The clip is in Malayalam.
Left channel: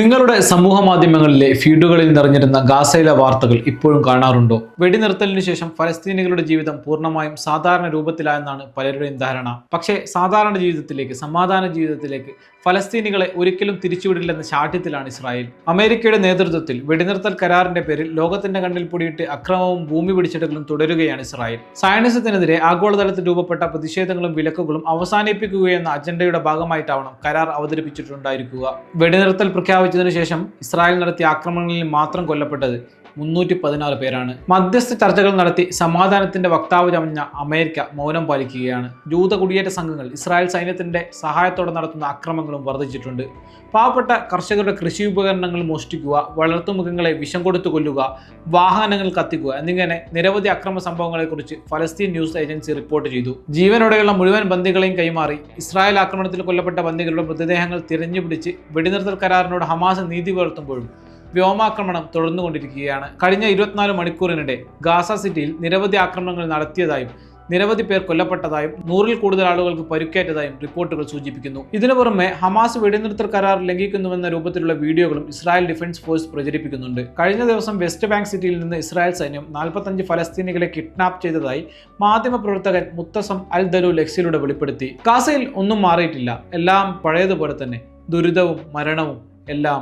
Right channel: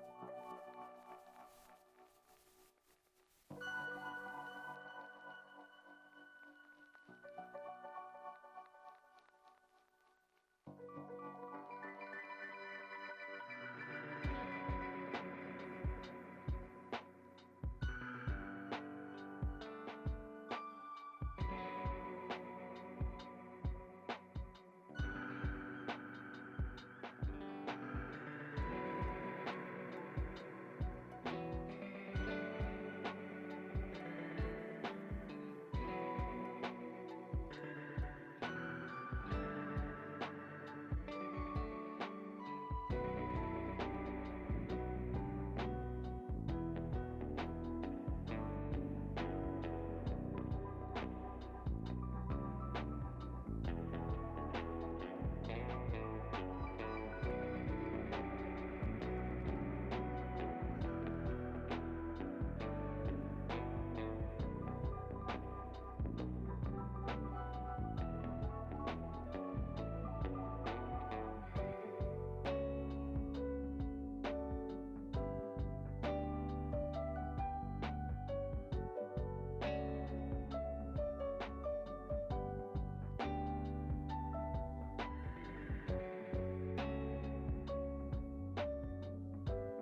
നിങ്ങളുടെ സമൂഹ മാധ്യമങ്ങളിലെ ഫീഡുകളിൽ നിറഞ്ഞിരുന്ന ഗാസയിലെ വാർത്തകൾ ഇപ്പോഴും കാണാറുണ്ടോ? വെടിനിർത്തലിന് ശേഷം ഫലസ്തീനികളുടെ ജീവിതം പൂർണമായും സാധാരണ രൂപത്തിലായെന്നാണ് പലരുടെയും ധാരണ. പക്ഷേ സാധാരണ ജീവിതത്തിലേക്ക് സമാധാന ജീവിതത്തിലേക്ക് ഫലസ്തീനികളെ ഒരിക്കലും തിരിച്ചുവിടില്ലെന്ന ശാഠ്യത്തിലാണ് ഇസ്രായേൽ. അമേരിക്കയുടെ നേതൃത്വത്തിൽ വെടിനിർത്തൽ കരാറിന്റെ പേരിൽ ലോകത്തിന്റെ കണ്ണിൽ പൊടിയിട്ട് അക്രമവും ഭൂമി പിടിച്ചെടുക്കലും തുടരുകയാണ് ഇസ്രായേൽ. സയനിസത്തിനെതിരെ ആഗോളതലത്തിൽ രൂപപ്പെട്ട പ്രതിഷേധങ്ങളും വിലക്കുകളും അവസാനിപ്പിക്കുകയെന്ന അജണ്ടയുടെ ഭാഗമായിട്ടാവണം കരാർ അവതരിപ്പിച്ചിട്ടുണ്ടായിരിക്കുക. വെടിനിർത്തൽ പ്രഖ്യാപിച്ചതിനു ശേഷം ഇസ്രായേൽ നടത്തിയ ആക്രമണങ്ങളിൽ മാത്രം കൊല്ലപ്പെട്ടത് മുന്നൂറ്റി പതിനാറ് പേരാണ്. മധ്യസ്ഥ ചർച്ചകൾ നടത്തി സമാധാനത്തിന്റെ വക്താവ് ചമഞ്ഞ അമേരിക്ക മൗനം പാലിക്കുകയാണ്. ജൂത കുടിയേറ്റ സംഘങ്ങൾ ഇസ്രായേൽ സൈന്യത്തിന്റെ സഹായത്തോടെ നടത്തുന്ന അക്രമങ്ങളും വർദ്ധിച്ചിട്ടുണ്ട്. പാവപ്പെട്ട കർഷകരുടെ കൃഷി ഉപകരണങ്ങൾ മോഷ്ടിക്കുക വളർത്തുമൃഗങ്ങളെ വിഷം കൊടുത്തു കൊല്ലുക വാഹനങ്ങൾ കത്തിക്കുക എന്നിങ്ങനെ നിരവധി അക്രമ സംഭവങ്ങളെക്കുറിച്ച് ഫലസ്തീൻ ന്യൂസ് ഏജൻസി റിപ്പോർട്ട് ചെയ്തു. ജീവനോടെയുള്ള മുഴുവൻ ബന്ദികളെയും കൈമാറി ഇസ്രായേൽ ആക്രമണത്തിൽ കൊല്ലപ്പെട്ട ബന്ദികളുടെ മൃതദേഹങ്ങൾ തിരഞ്ഞുപിടിച്ച് വെടിനിർത്തൽ കരാറിനോട് ഹമാസ് നീതി പുലർത്തുമ്പോഴും വ്യോമാക്രമണം തുടർന്നുകൊണ്ടിരിക്കുകയാണ്. കഴിഞ്ഞ ഇരുപത്തിനാല് മണിക്കൂറിനിടെ ഗാസ സിറ്റിയിൽ നിരവധി ആക്രമണങ്ങൾ നടത്തിയതായും നിരവധി പേർ കൊല്ലപ്പെട്ടതായും നൂറിൽ കൂടുതൽ ആളുകൾക്ക് പരുക്കേറ്റതായും റിപ്പോർട്ടുകൾ സൂചിപ്പിക്കുന്നു. ഇതിനു പുറമെ ഹമാസ് വെടിനിർത്തൽ കരാർ ലംഘിക്കുന്നുവെന്ന രൂപത്തിലുള്ള വീഡിയോകളും ഇസ്രായേൽ ഡിഫൻസ് ഫോഴ്സ് പ്രചരിപ്പിക്കുന്നുണ്ട്. കഴിഞ്ഞ ദിവസം വെസ്റ്റ് ബാങ്ക് സിറ്റിയിൽ നിന്ന് ഇസ്രായേൽ സൈന്യം നാൽപ്പത്തഞ്ച് ഫലസ്തീനികളെ കിഡ്നാപ്പ് ചെയ്തതായി മാധ്യമപ്രവർത്തകൻ മുത്തസം അൽ ദലു ലക്സിലൂടെ വെളിപ്പെടുത്തി. ഗാസയിൽ ഒന്നും മാറിയിട്ടില്ല. എല്ലാം പഴയതുപോലെ തന്നെ ദുരിതവും മരണവും എല്ലാം